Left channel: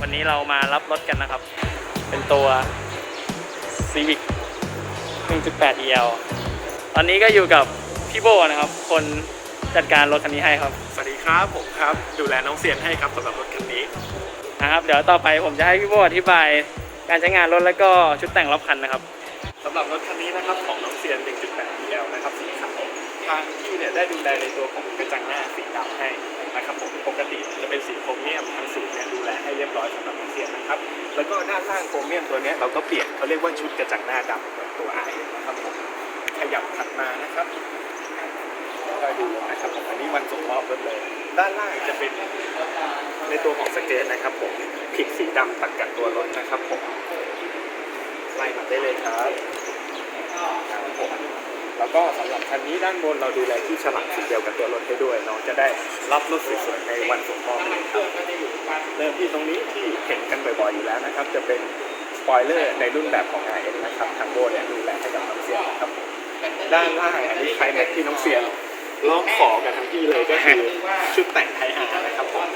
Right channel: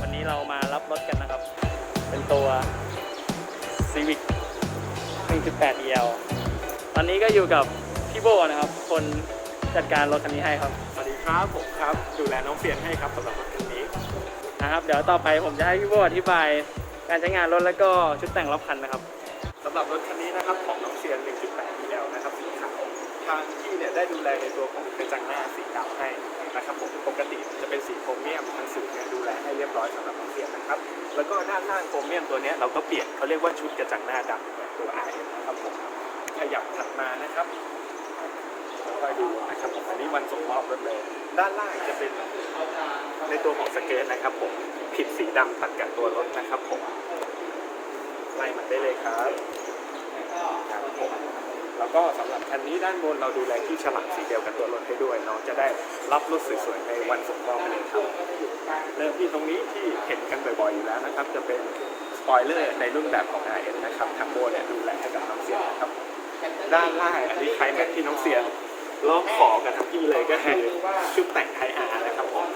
วันนี้เรามารับรถกันนะครับ เป็นตัว Civic 1.8 EL ตอนนี้ก็อยู่กับพี่โบนะครับ คนจัดการรถคันนี้ให้ครับสวัสดีครับผมครับ ดูแลน้องเซียนให้ครับสำหรับรถคันนี้นะครับเดี๋ยวต่อไปผมจะให้พี่โบอธิบาย การใช้งานรถแล้วก็ชุดแต่งรอบคันนะครับ สำหรับรถคันนี้นะครับของน้องเซียน 1.8 DL นะครับสีขาวทางที่เนี่ยได้ดูแลในตัวของกระจังหน้าสีดำให้ นะครับผมปกติจะเป็นสีโครเมียมทางสูงเนี่ยดูแลให้เรียบร้อยสำหรับน้องเซียนนะครับ แล้วก็ด้านล่างโครเมียมตัวนี้เราก็เปลี่ยนเขาเรียกว่าชุดกระจังหน้าดำแบบตัว RS นะครับผมขยับถัดมานะครับคอยดูนะครับผมอันนี้วันส่งมอบรถเลย ด้านล่างจะเป็นในตัวของสเกตนะครับผมผิดสีดำตัดกับตัวรถนะครับผมไล่มาได้เลยครับครับผม แล้วก็สำหรับคันนี้ด้านบนเราดูแลที่ฉลากสีเดียวกับตัวรถให้ด้วยน้องจะได้รับรถสวยๆในวันส่งมอบเลยครับเริ่มที่ตรงนี้ที่เห็นกันบ่อยๆอยู่แล้วนะครับ จะเป็นสปอยเลอร์ในรุ่นแบบของ r อนะครับทางโบเนี่ยดูแลให้กับน้องเซียนครับด้านล่างอันนี้ใครแม็กที่น้องเซียนร้องขอกันทั้งที่เลยก็คือชุดแต่งไทยอาร์นะครับผม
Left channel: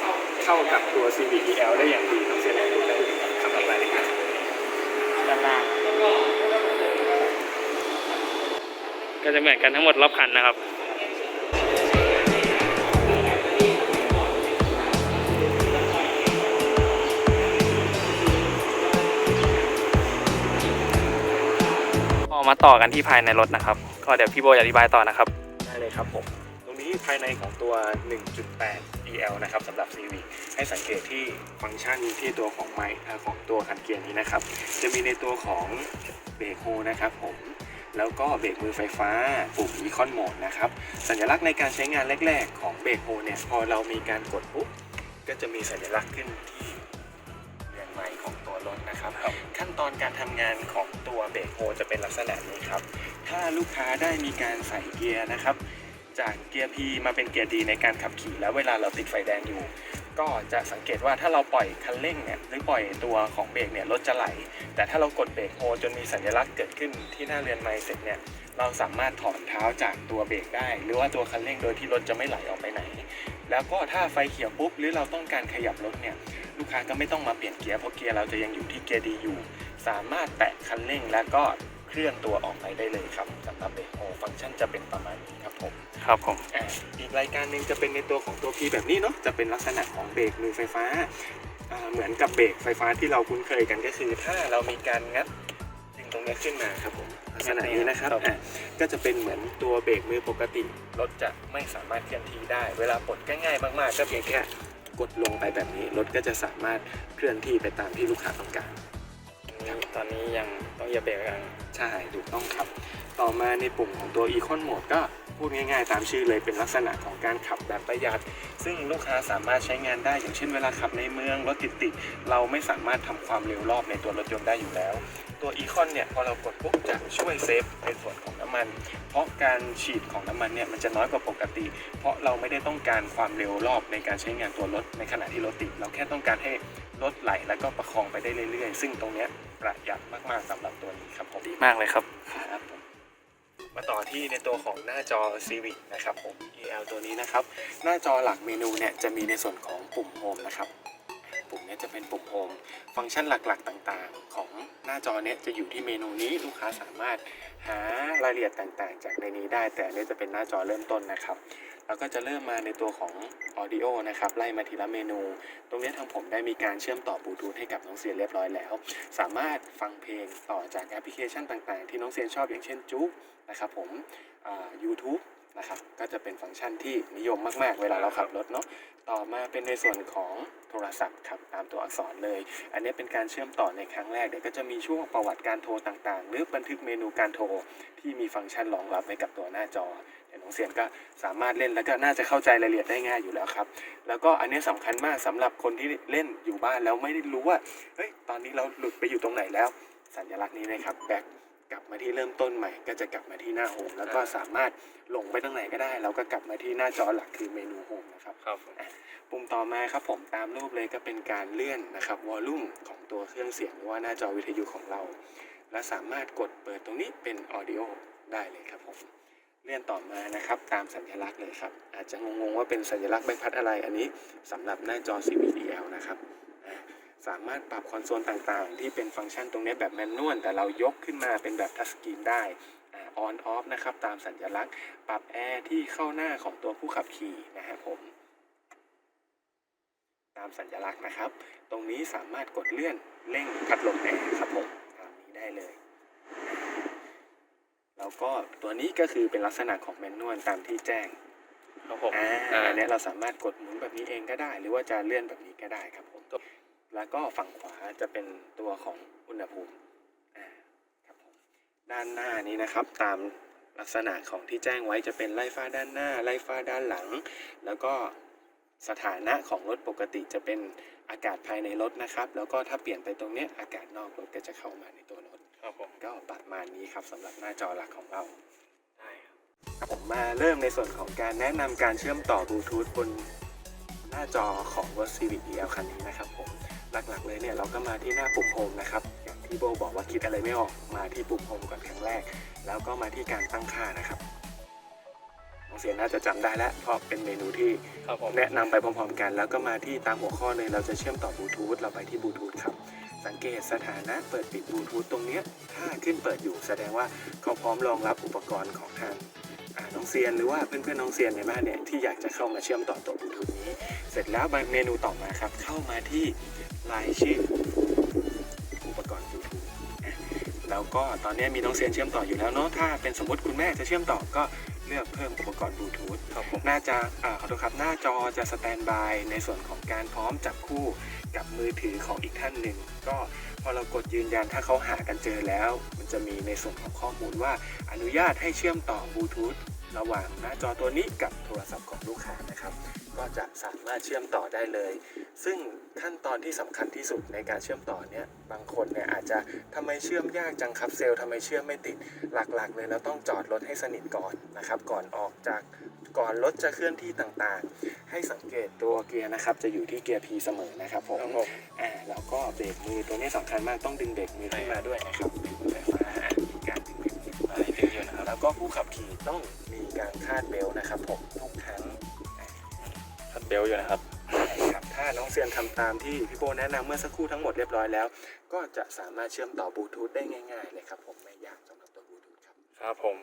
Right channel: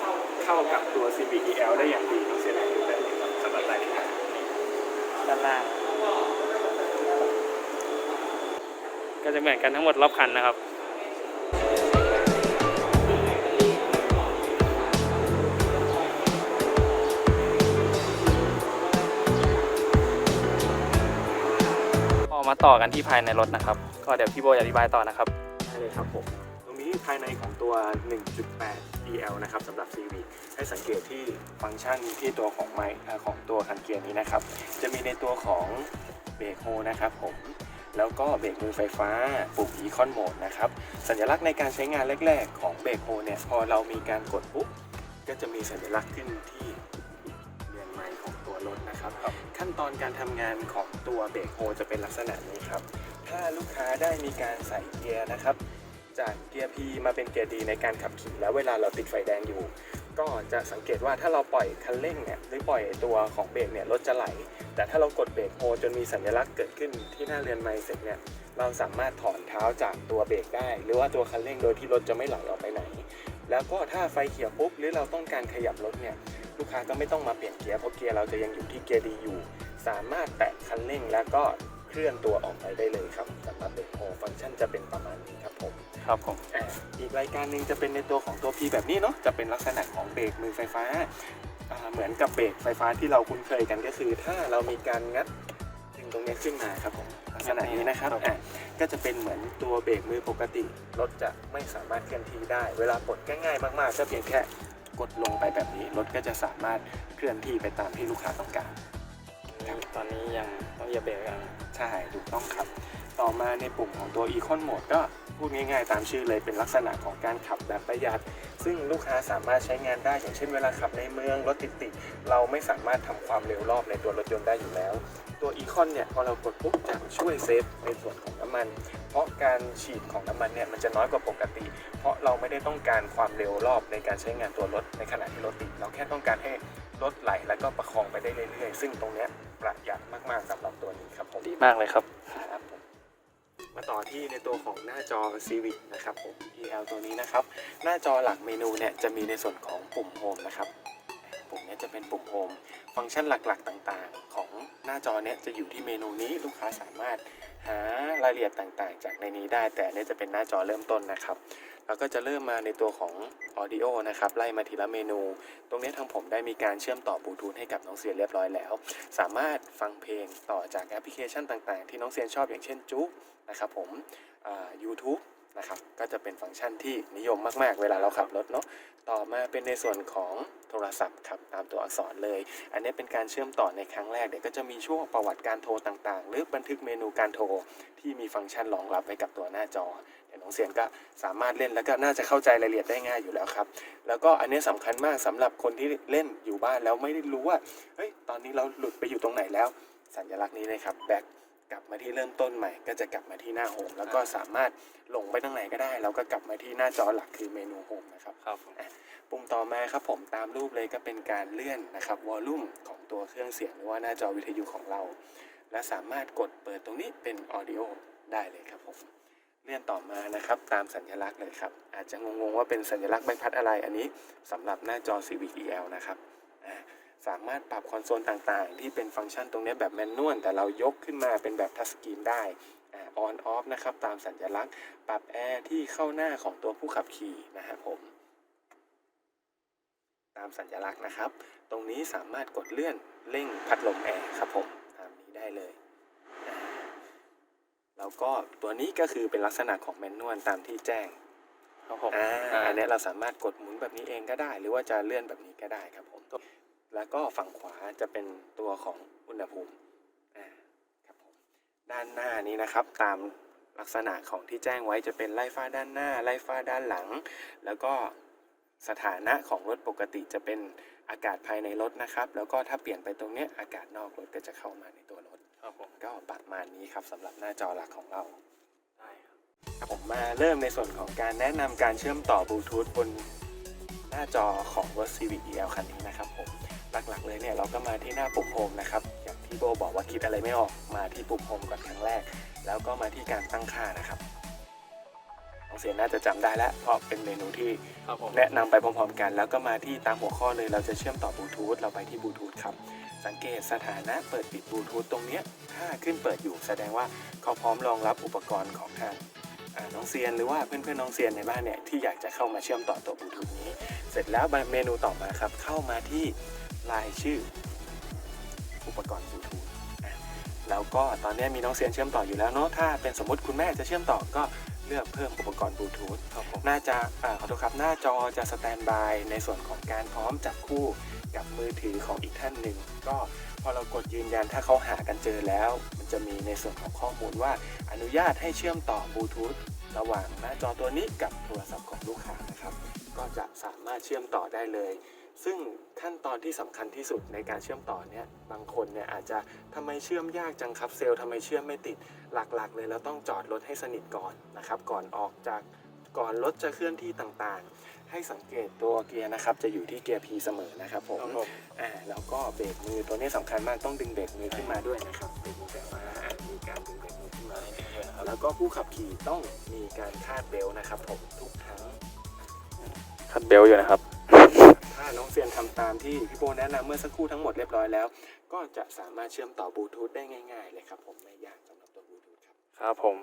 เข้ากับตัว CVTL ได้อย่างดีน้องเซียนลองดูเลยครับสำหรับรายละเอียดด้านล่าง ก็จะเหมือนกันทั้งหมดรอบคันนะครับพอมาต่อกันที่ภายในรถนะครับ ก็เดี๋ยวพี่โบจะอธิบายต่อนะครับ ได้เลยครับผม ตรงนี้ภายในของตัว 1.8 EL นะครับสำหรับ CV ให้สังเกตที่ฟังก์ชันที่ตัวของไมค์ของตัวคันเกียร์นี้นะครับ จะมีในตัวของเบรกโฮนะครับผม แล้วก็เบรกมือไฟฟ้าปุ่ม Econ Mode นะครับ สัญลักษณ์ในการใช้งานแรก ๆ ของเบรกโฮเนี่ย พอเรามีการกดปุ๊บ ก็จะมีสัญลักษณ์ขึ้นที่เรือนไม้ของตัวรถนะครับ ขั้นตอนการทำงานของตัวเบรกโฮจะเป็นลักษณะนี้ครับ ถ้าลูกค้าได้มีการใส่เกียร์นะครับ จากเกียร์ P มาเป็นเกียร์ D ในการขับขี่แล้วเวลาเราติดไฟแดงอยู่ ก็จะสังเกตว่าถ้าเราปล่อยคันเร่งเนี่ยหรือปล่อยตัวของเบรกเนี่ยรถจะไหล แต่ถ้าเรากดเบรกโฮจนมีสัญลักษณ์เกิดขึ้นที่หน้าเรือนไม้เสร็จเนี่ยเราสามารถถอนเท้าจากตัวเบรกได้ หรือว่าตัวคันเร่งโดยที่รถจะไม่ไหลออกไปไหน แล้วก็ถ้าไฟเขียวปุ๊บหรือเราต้องการขยับรถเนี่ยลูกค้าก็ไม่ต้องมาเปลี่ยนเกียร์เพราะเกียร์เราจะยังอยู่ที่เกียร์ดีอยู่ สามารถแตะคันเร่งแล้วก็เคลื่อนตัวออกไปได้เลยครับสำหรับเบรกโฮฟังก์ชันจะเป็นประมาณนี้ครับผม ครับผม อ่าอีกรายการหนึ่งจะเป็นในตัวของตัว P แบบนี้เนาะจะเป็นลักษณะของเบรกมือไฟฟ้าอ่าเหมือนกับเบรกไฟฟ้าที่เราคุ้นเคยกันก็คือ ถ้าเรามีการงัดดึงตรงนี้ขึ้นมาครับผมลักษณะนี้นะครับครับ อ่าก็จะเป็นเหมือนตัวเบรกมือปกติรถจะไม่สามารถเคลื่อนที่ได้ เวลาปลดก็ง่ายมากๆ ก็เพียงแค่กดลงไปแบบนี้รถก็จะสามารถเคลื่อนที่ไปตามที่ลูกค้าต้องการ ตอนนี้ยังต้องเหยียบเบรกกัน ใช่ ถูกต้องครับ ต่อมาในปุ่มของตัว Econ Mode ก็ พูดง่ายๆ ตามชื่อเลยเป็นลักษณะของการขับแบบประหยัด ซึ่งลูกค้าสามารถใช้งานได้ อย่างเช่นเวลาขับในเมืองรถติดๆเราไม่สามารถทำความเร็วรอบในตัวรถยนต์ได้อยู่แล้ว ตัว Econ เนี่ยพอเรากดปุ๊บจะช่วยเซฟในส่วนของน้ำมัน เพราะการฉีดของน้ำมันเนี่ยมันจะน้อยกว่าปกติ เพราะเราไม่ได้ต้องการความเร็วรอบในการใช้งานตัวรถในขณะที่รถติดเราแค่ต้องการให้รถไหลแล้วก็ประคองไปได้เรื่อยๆ ซึ่งตรงเนี้ยประหยัดมากๆสำหรับตัวนี้ครับผมดีมากเลยครับ ที่ในตัวของหน้าจอ Civic นะครับผม EL ตัวนี้นะครับ หน้าจอหลักเมนูเนี่ยจะมีในส่วนของปุ่มโฮมนะครับ ปุ่มนี้จะเป็นปุ่มโฮมฟังก์ชันหลักๆ ต่างๆ ของหน้าจอเนี้ยจะอยู่ที่เมนูนี้ลูกค้าสามารถ หารายละเอียดต่างๆ จากในนี้ได้ แต่นนี้จะเป็นหน้าจอเริ่มต้นนะครับ เราก็จะเริ่มมาในตัวของ Audio นะครับ ไล่มาทีละเมนู ตรงนี้ทางผมได้มีการเชื่อมต่อบลูทูธให้กับน้องเซียนเรียบร้อยแล้ว สามารถฟังเพลงต่อจากแอปพลิเคชันต่างๆ ที่น้องเซียนชอบอย่างเช่นจุ๊กนะครับผมอ่า YouTube นะครับ ก็จะเป็นฟังก์ชันที่นิยมมากๆ เวลาเราขับรถเนาะ ต่อมาเป็นในส่วนของ ทรศัพท์ครับตามตัวอักษรเลย อันนี้เป็นการเชื่อมต่อในครั้งแรกเดี๋ยวก็จะมีช่วงประวัติการโทรต่างๆ หรือบันทึกเมนูการโทรที่มีฟังก์ชันรองรับไว้กับตัวหน้าจอเดี๋ยวน้องเซียนก็สามารถเล่นแล้วก็น่าจะเข้าใจรายละเอียดได้ง่ายอยู่แล้วครับ แล้วก็อันนี้สำคัญมากสำหรับคนที่เล่นอยู่บ้านแล้วไม่ได้รู้ว่าเฮ้ยตอนนี้เราหลุดไปอยู่ตรงไหนแล้ว สัญลักษณ์นี้เลยครับแบ็ค กลับมาที่เริ่มต้นใหม่ ก็จะกลับมาที่หน้าโฮมแล้วก็สามารถลงไปตรงไหนก็ได้ แล้วก็กลับมาที่หน้าจอหลักคือเมนูโฮมนะครับครับปุ่มต่อมาครับผมตามรูปเลยก็เป็นการเลื่อนนะครับวอลลุ่มของตัวเครื่องเสียงหรือว่าหน้าจอวิทยุของเรา และสามารถกดเปิดตรงนี้เป็นออดิโอได้เลยครับผมเลื่อนต่อมานะครับตามสัญลักษณ์เลยครับอาจจะงงๆว่าเป็นสัญลักษณ์ใบพัดอะไรอันนี้สำหรับหน้าจอ CVDL นะครับอ่า สามารถปรับคอนโซลต่างๆ ที่เป็นฟังก์ชันตรงนี้แบบแมนนวลแต่เรายกขึ้นมาเป็นแบบทัชสกรีนได้ออนออฟนะครับตามสัญลักษณ์ ปรับแอร์ที่เข้าหน้าของตัวผู้ขับขี่นะครับผมตามสัญลักษณ์นะครับ ตรงนี้สามารถกดเลื่อนเร่งพัดลมแอร์ครับผมตามนี้ได้เลยแล้วก็ตัวนี้ก็คือเป็นลักษณะของแมนนวลตามที่แจ้งครับผมอ่าอ่าอันเนี้ยเราสามารถกดหมุนแบบนี้เองก็ได้ หรือว่าจะเลื่อนแบบนี้ก็ได้ครับผม แล้วก็ฝั่งขวาจะเป็นตัวของอุณหภูมิอ่าครับผมด้านหน้านี้นะครับตามลักษณะของที่แจ้งไว้จะเป็นไล่ฟ้าด้านหน้า ไล่ฟ้าด้านหลัง แล้วก็สถานะของรถปกติจะเป็นอากาศภายในรถนะครับ แล้วก็ถ้าเปลี่ยนไปตรงเนี้ยอากาศนอกรถก็จะเข้ามาในตัวรถครับผมก็ประมาณนี้ครับสำหรับหน้าจอหลักของเราได้ครับครับผมมาเริ่มในส่วนของการแนะนำการเชื่อมต่อบลูทูธบนหน้าจอของ r o d Civic EL คันนี้นะครับผม หลักๆเลยเนี่ยเราก็มาที่หน้าปุ่มโฮมนะครับอย่างที่โบบอกว่าคิดอะไรไม่ออกมาที่ปุ่มโฮมก่อนครั้งแรก แล้วก็มาที่การตั้งค่านะครับน้องเสียน่าจะจำได้แล้วเพราะเป็นเมนูที่ครับผมแนะนำไปพร้อมๆกัน แล้วก็มาที่ตามหัวข้อเลยเราจะเชื่อมต่อบลูทูธเราไปที่บลูทูธครับสังเกตสถานะเปิดปิดบลูทูธตรงเนี้ยถ้าขึ้นเปิดอยู่แสดงว่าเขาพร้อมรองรับอุปกรณ์ของทางอ่าน้องเซียนหรือว่าเพื่อนๆน้องเซียนในบ้านเนี่ยที่อยากจะเข้ามาเชื่อมต่อตัวบลูทูธนี้เสร็จแล้วเมนูต่อมาครับเข้ามาที่ รายชื่ออุปกรณ์ยูทูบแล้วก็ตอนนี้มีน้องเซียนเชื่อมต่ออยู่แล้วเนาะถ้าเป็นสมมติคุณแม่จะเชื่อมต่อก็เลือกเพิ่มอุปกรณ์บลูทูธครับผมหน้าจะอ่าขอโทษครับหน้าจอจะสแตนบายในส่วนของการพร้อมจับคู่กับมือถือของอีกท่านหนึ่ง ก็พอเรากดยืนยันถ้าเขาหากันเจอแล้ว มันจะมีในส่วนของข้อมูลว่าอนุญาตให้เชื่อมต่อบลูทูธระหว่างหน้าจอตัวนี้กับโทรศัพท์ของลูกค้านะครับ ก็จะสามารถเชื่อมต่อได้เลย ซึ่งขั้นตอนที่สำคัญที่สุดในการเชื่อมต่อเนี่ยบางคนเนี่ยอาจจะทำไมเชื่อมยากจังครับเซลล์ทำไมเชื่อมไม่ติดหลักๆ เลยเราต้องจอดรถให้สนิทก่อนนะครับ ก่อนออกจากก่อนรถจะเคลื่อนที่ต่างๆ ให้สังเกตตัวเกียร์นะครับ จะอยู่ที่เกียร์ P เสมอนะครับผมครับผมอ่าแล้วก็เบรกมือตัวนี้สำคัญมากต้องดึงเบรกมือขึ้นมาด้วยนะครับเบรกมือแบบว่าอ่ามีการดึงเบรกมือขึ้นมาได้เป็นเยอะนะครับแล้วก็ผู้ขับขี่ต้องมีการคาดเบลต์นะครับผมทุกครั้ง ทัดเบลอยู่นะครับ ถ้าน้องเซียนทำตามที่พี่โบแนะนำเมื่อสักครู่ทั้งหมดเรียบร้อยแล้ว ก็จะสามารถเชื่อมต่อบลูทูธได้ง่ายๆเลยครับผมไม่ยากสำหรับตัวบลูทูธครับ ครับผม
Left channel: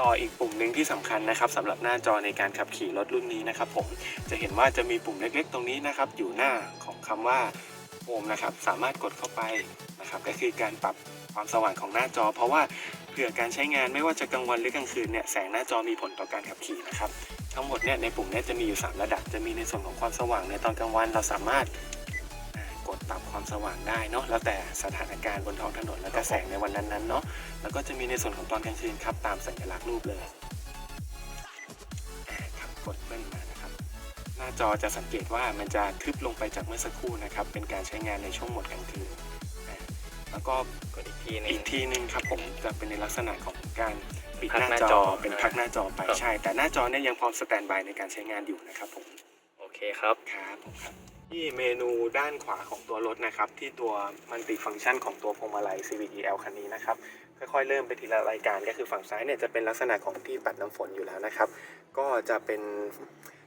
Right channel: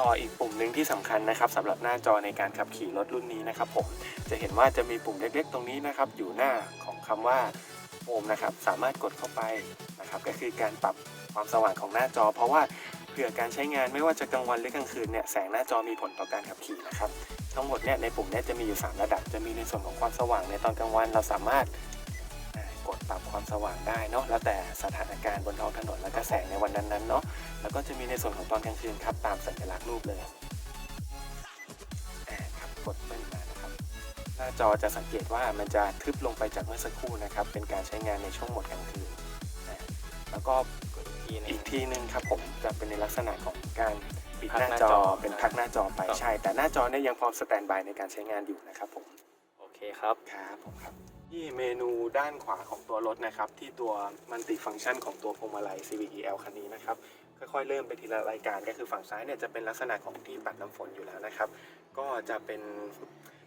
ต่ออีกปุ่มหนึ่งที่สำคัญนะครับสำหรับหน้าจอในการขับขี่รถรุ่นนี้นะครับผมจะเห็นว่าจะมีปุ่มเล็กๆ ตรงนี้นะครับ อยู่หน้าของคำว่าโฮมนะครับสามารถกดเข้าไปนะครับก็คือการปรับความสว่างของหน้าจอ เพราะว่าเผื่อการใช้งานไม่ว่าจะกลางวันหรือกลางคืนเนี่ยแสงหน้าจอมีผลต่อการขับขี่นะครับ ทั้งหมดเนี่ยในปุ่มเนี้จะมีอยู่ 3 ระดับ จะมีในส่วนของความสว่างในตอนกลางวันเราสามารถอ่ากดปรับความสว่างได้เนาะแล้วแต่สถานการณ์บนท้องถนนแล้วก็แสงในวันนั้นๆเนาะแล้วก็จะมีในส่วนของตอนกลางคืนครับตามสัญลักษณ์รูปเลยอ่าครับกดเบิ้ลมานะครับ หน้าจอจะสังเกตว่ามันจะทึบลงไปจากเมื่อสักครู่นะครับ เป็นการใช้งานในช่วงหมดกลางคืนอ่าแล้วก็กดอีกทีหนึอีงกทีหนึงครับผมจะเป็นในลักษณะของการ ปิดพักหน้าหน้าจจออเป็นพักหน้าจอไปครับ ใช่ แต่หน้าจอเนี่ยยังพร้อมสแตนบายในการใช้งานอยู่นะครับผมโอเคครับ ครับผมครับที่เมนูด้านขวาของตัวรถนะครับ ที่ตัวมันติฟังก์ชันของตัวพวงมาลัย Civic EL คันนี้นะครับค่อยๆเริ่มไปทีละรายการก็คือฝั่งซ้ายเนี่ยจะเป็นลักษณะของที่ปัดน้ำฝนอยู่แล้วนะครับ ก็จะเป็น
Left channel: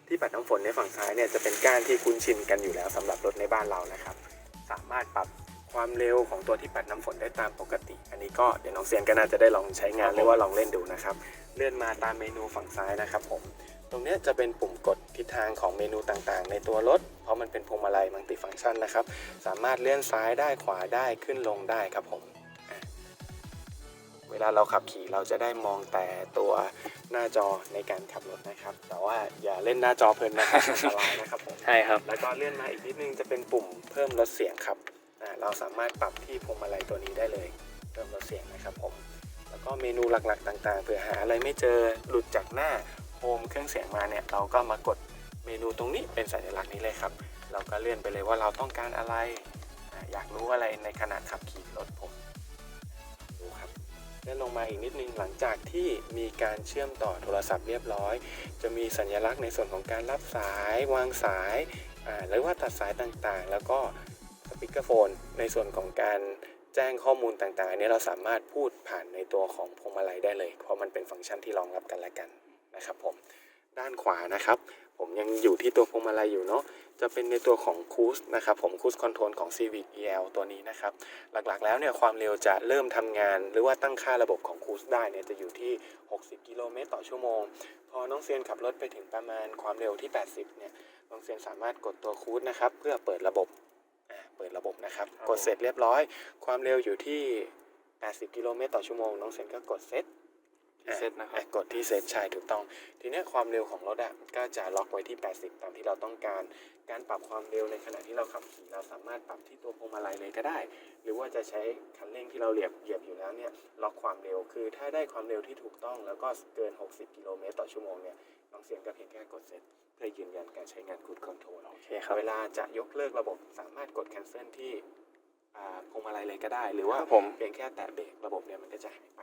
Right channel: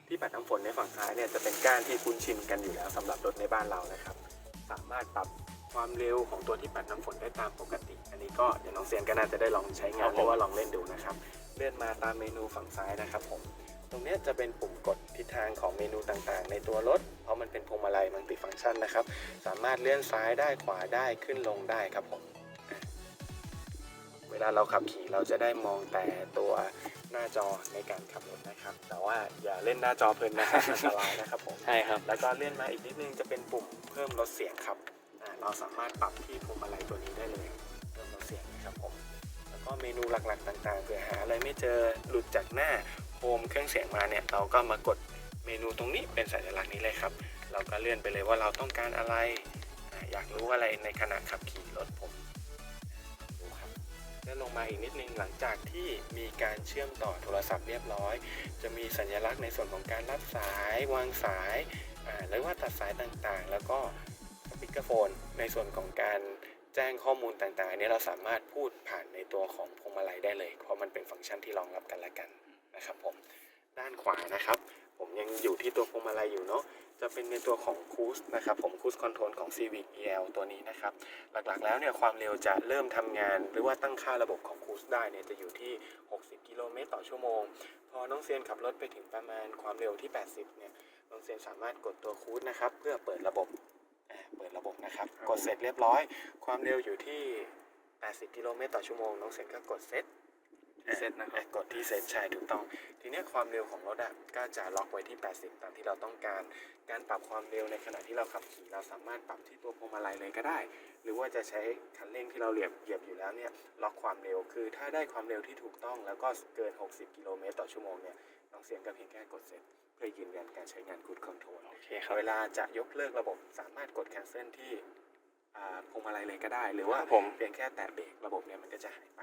ที่ปัดน้ำฝนในฝั่งซ้ายเนี่ยจะเป็นก้านที่คุ้นชินกันอยู่แล้วสำหรับรถในบ้านเรานะครับ สามารถปรับ ความเร็วของตัวที่ปัดน้ำฝนได้ตามปกติ อันนี้ก็เดี๋ยวน้องเซียนก็น่าจะได้ลองใช้งานครับหผมรือว่าลองเล่นดูนะครับ เลื่อนมาตามเมนูฝั่งซ้ายนะครับผม ตรงเนี้ยจะเป็นปุ่มกดทิศทางของเมนูต่างๆ ในตัวรถ เพราะมันเป็นพวงมาลัยมัลติฟังก์ชันนะครับ สามารถเลื่อนซ้ายได้ขวาได้ขึ้นลงได้ครับผม เวลาเราขับขี่เราจะได้มองแต่ตัวหน้าจอในการขับรถนะครับ แต่ว่าอย่าเล่นหน้าจอเพลินนะครับอันตรายนะครับผม ใช่ครับ แล้วก็เลื่อนมาอีกนิดนึงจะเป็นปุ่มเพิ่มลดเสียงครับอ่า เราสามารถปรับที่พวงมาลัยตัวนี้ได้เลยเพิ่มลดเสียงนะครับผมแล้วก็เมนูหลักๆ ต่างๆเผื่อหาอะไรไม่เจอหลุดจากหน้าโฮมเครื่องเสียงมาเนี่ยเราก็มากดเมนูตรงนี้เป็นสัญลักษณ์นี้เลยครับ เราก็เลื่อนไปเลยว่าเราต้องการอะไร อยากรู้อะไรในขณะขับขี่รถผมดูครับเลื่อนลงมาอีกนิดนึงหลังจากที่มีการเชื่อมต่อโทรศัพท์เรียบร้อย จะมีสัญลักษณ์ในส่วนของการรับสายวางสายหรือว่าตัดสายต่างๆ แล้วก็ ปีกโฟน ในส่วนของการแจ้งข้อมูลต่างๆ อันนี้เราสามารถพูดผ่านในตัวของพวงมาลัยได้เลย เพราะมันเป็นฟังก์ชันที่รองรับกันและกันนะครับผมด้านขวานะครับ ผมยังอยู่ที่ตัวพวงมาลัยอยู่เนาะจะเป็นในตัวของคูสนะครับผมคูสคอนโทรลของ Civic EL ตัวนี้นะครับ หลักๆแล้วเนี่ยความเร็วจะเริ่มทำงาน หรือว่าตั้งค่าระบบของคูสได้เนี่ยจะอยู่ที่ 60 กิโลเมตรต่อชั่วโมง พอน้องเซียนขับรถไปถึงประมาณความเร็วที่ 80 เนี่ยน้องเซียนสามารถกดตัวคูสนะครับ เพื่อเปิดระบบ เปิดระบบนะครับครับ กดเสร็จเรียบร้อย ความเร็วอยู่ที่ 80 กิโลเมตรต่อชั่วโมง น้องเซียนก็กดเซต ที่เซตนะครับอ่กดที่เซตใช่ถูกต้อง ทีเนี้ยความเร็วของรถอะก็จะล็อกไว้ที่ 80 ตามที่เราต้องการ การปรับความเร็วในขณะที่เราขับขี่เราสามารถปรับที่ตัวพวงมาลัยเลยก็ได้ หรือว่าจะใช้คันเร่งที่เราเหยียบเหยียบอยู่แล้วเนี่ยล็อกความเร็ว คือถ้าได้ความเร็วที่ถูกต้องแล้วก็เกิน 60 กิโลเมตรต่อชั่วโมงเนี่ยน้องเสียงก็เพียงแค่กดเซ็ตเพื่อยืนยันการใช้งานคูดคอนโทรลโอเคครับเวลาจะยกเลิกระบบสามารถกด cancel ที่อ่าพวงมาลัยเลยก็ได้ หรือว่าครับผมเพียงแค่แตะเบรกระบบเนี่ยมันก็จะหายไป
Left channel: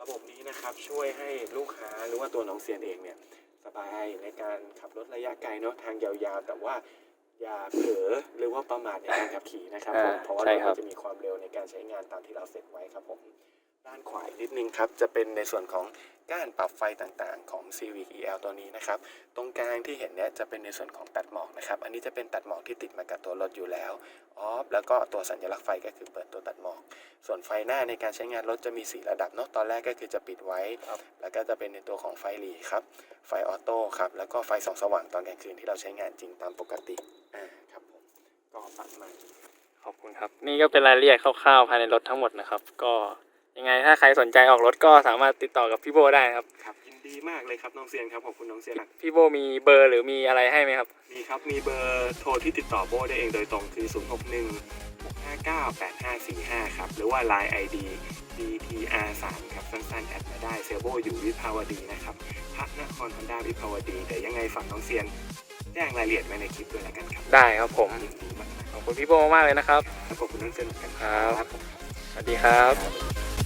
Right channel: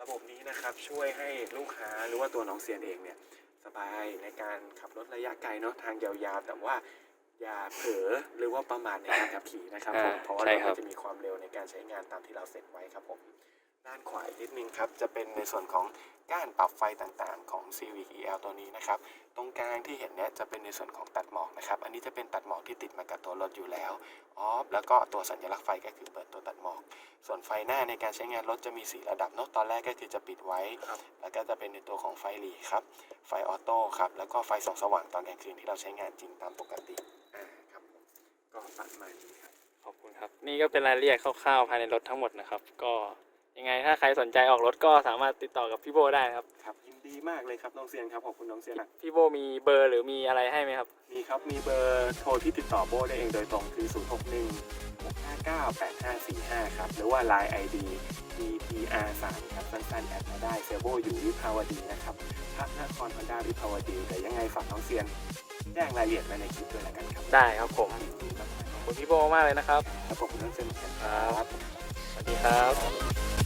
ระบบนี้นะครับช่วยให้ลูกค้าหรือว่าตัวน้องเซียนเองเนี่ยสบายในการขับรถระยะไกลเนาะทางยาวๆ แต่ว่าอย่าเผลอหรือว่าประมาทในการขับขี่นะครับผมอ่าเพราะว่าใช่เราครับจะมีความเร็วในการใช้งานตามที่เราเสร็จไว้ครับผม ด้านขวาอีกนิดนึงครับ จะเป็นในส่วนของก้านปรับไฟต่างๆ ของ Civic EL ตัวนี้นะครับ ตรงกลางที่เห็นเนี่ยจะเป็นในส่วนของตัดหมอกนะครับ อันนี้จะเป็นตัดหมอกที่ติดมากับตัวรถอยู่แล้วออฟแล้วก็ตัวสัญลักษณ์ไฟก็คือเปิดตัวตัดหมอก ส่วนไฟหน้าในการใช้งานรถจะมี 4 ระดับเนาะ ตอนแรกก็คือจะปิดไว้ครับแล้วก็จะเป็นในตัวของไฟหลีครับ ไฟออโต้ครับ แล้วก็ไฟส่องสว่างตอนกลางคืนที่เราใช้งานจริงตามปกติ อ่าครับผมก็ประมาณนี้ครับ ขอบคุณครับ นี่ก็เป็นรายละเอียดคร่าวๆภายในรถทั้งหมดนะครับ ก็ ยังไงถ้าใครสนใจออกรถก็สามารถติดต่อกับพี่โบได้นะครับ ครับยินดีมากเลยครับน้องเซียนครับขอบคุณน้องเซียนนะพี่โบมีเบอร์หรือมีอะไรให้ไหมครับ มีครับมีเบอร์โทรที่ติดต่อโบได้เองโดยตรงคือ 0 6 1 6 5 9 8 5 4 5 ครับ หรือว่า Line ID DTR 3 ครับสั้นๆแอดมาได้เซลโบอยู่วิภาวดีนะครับพัฒนครฮอนด้าวิภาวดีแต่ยังไงฝากน้องเซียนแจ้งรายละเอียดไว้ในคลิปด้วยแล้วกันครับได้ครับผม ยินดีมากขอบคุณพี่โบมากๆเลยนะครับๆครับขอบคุณน้องเซียนเหมือนกันครับ สวัสดีครับบ